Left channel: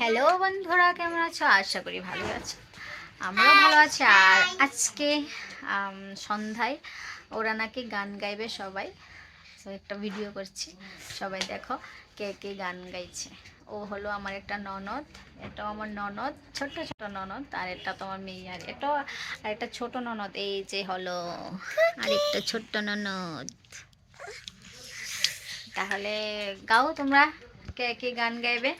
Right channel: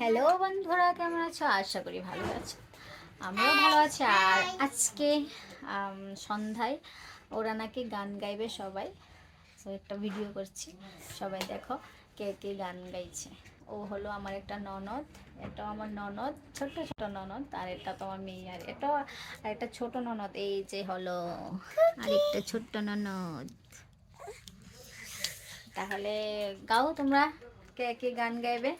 Hello বন্ধুরা, কেমন আছো? আশা করি ভালো আছো, আমরাও ভালো আছি। আর আজকে সন্ধ্যায় ওরা নাকি গান গাইবে সবাই, তো একটা ভিডিও করছি, সবাই দেখো কে কে গান গাইছে। ও হলো আমার একটা ননদ, এটাও আমার ননদ, ছোট ছোট ননদ, আর এটা তো আমার মেয়ে, আর এটাও আর একটা ছোট ননদ, এই যে হলো আরেকটা ছোট্ট ননদ। তাহলে গাও তোমরা, কে কে গান গাইবে?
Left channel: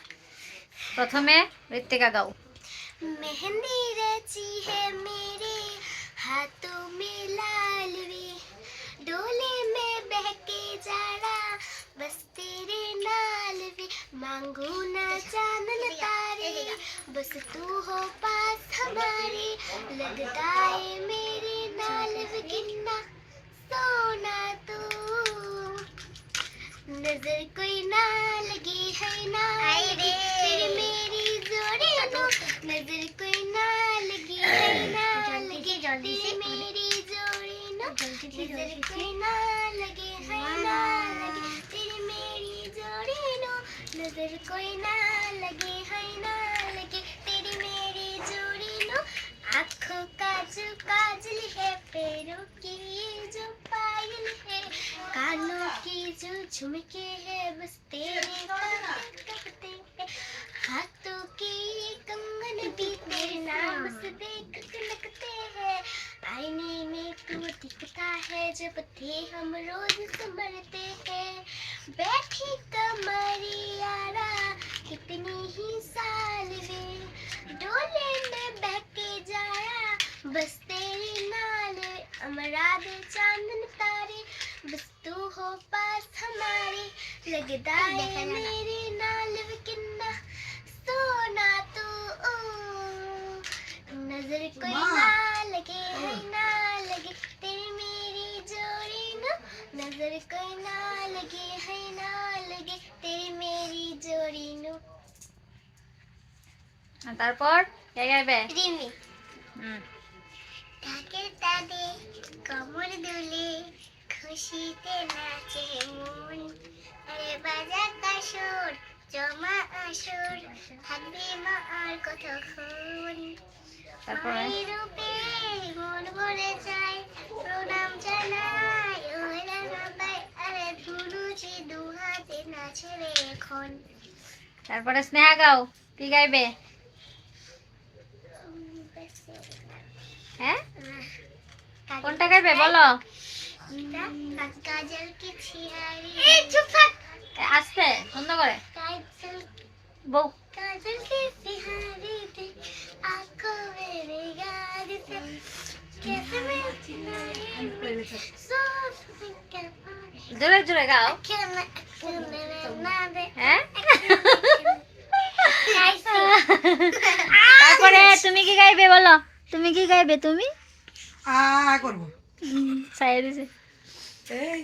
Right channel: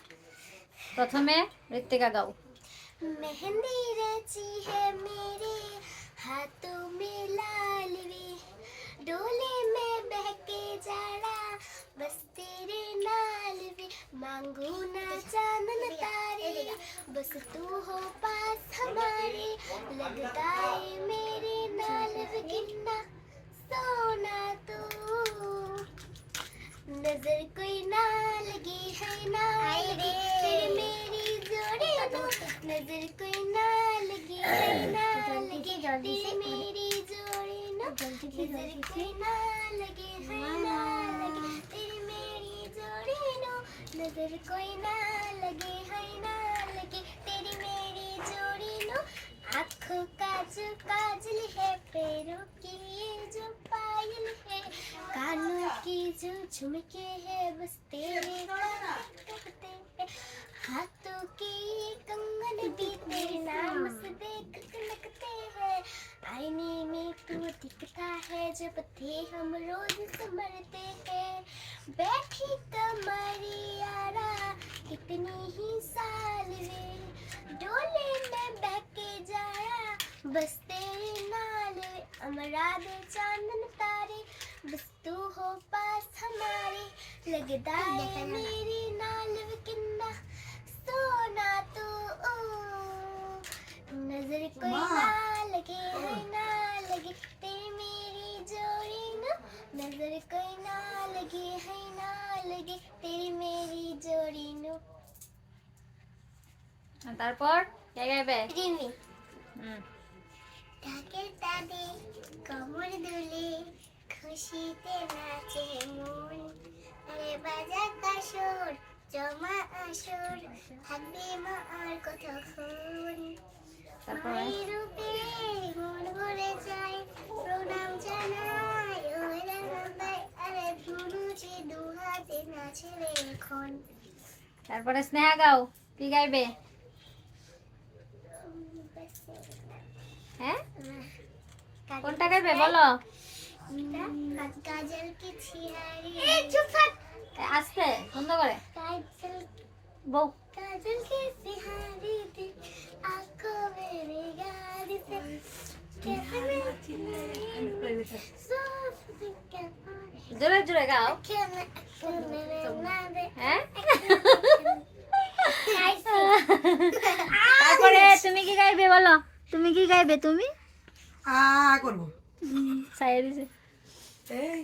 प्रथमे ऋतिका गाओ। मेहंदी रची है मेरे हाथों में लाल वे, डोले में बहके जाड़ा बस तेरे नाल वे, मांगू ना चांदन तारे बस तू हो पास हमारे, लगता है मेरे नाल वे किन्ना सोना तू, नजर कोई ना लगी है ना लगी तेरी मेरी जोड़ी तो, नजर कोई ना लगी है ना लगी तेरी मेरी जोड़ी नो, नजर कोई ना लगी है ना लगी तेरी मेरी जोड़ी नो, नजर कोई ना लगी है ना लगी तेरी मेरी जोड़ी नो, आँखों का जो काजल है, पैरों की ये जो पायल है, कानों की जो झुमके है बस तेरे करते हैं, हाथों की कंगन भी तेरे नाम से देख लगते हैं, आईने में तू दिखता है जब थे हम रोज संभलते हैं, बैठी कमरी यारा कितनी ही साल वे, डोले में बहके जाया बस तेरे नाल, अमरा दे चांदन तारे बस तू हो पास हमारे, लगदा है मेरे नाल किन्ना सोना तू, नजर कोई ना लगे है ना लगे तेरी मेरी जोड़ी नो, नजर कोई ना लगे है ना लगे तेरी मेरी जोड़ी नो। তারপর কে গাইবে? রিমি ঢাকের তাদে কমর দুলে খুশিতে নাচে মন, আরে বাজা কাশর জমা আসর থাকবে মা আর কতক্ষণ, মায়ের রূপে মন ভরে যায় প্রণাম জানাই ওরা নামাই, আরে ধুনুচি দু হাতে নাচে রে এখন। তারপরে স্নেহা গাও, কি গাইবে? হ্যাঁ, কোনটা গাইবে বলো? काजल की छिहारी चुप থাক আস্তে বন্ধ করে काजल বউ। काजल की छिहारी थी आंखों में निगाह से, कैसे मैं सोच के জোরে জোরে গাও। ना दे হ্যাঁ, তারপরে তুমি কি গাইবে বলো? তুমি কি গাইবে? তুমি করবো সাইয়ে দিছে। এই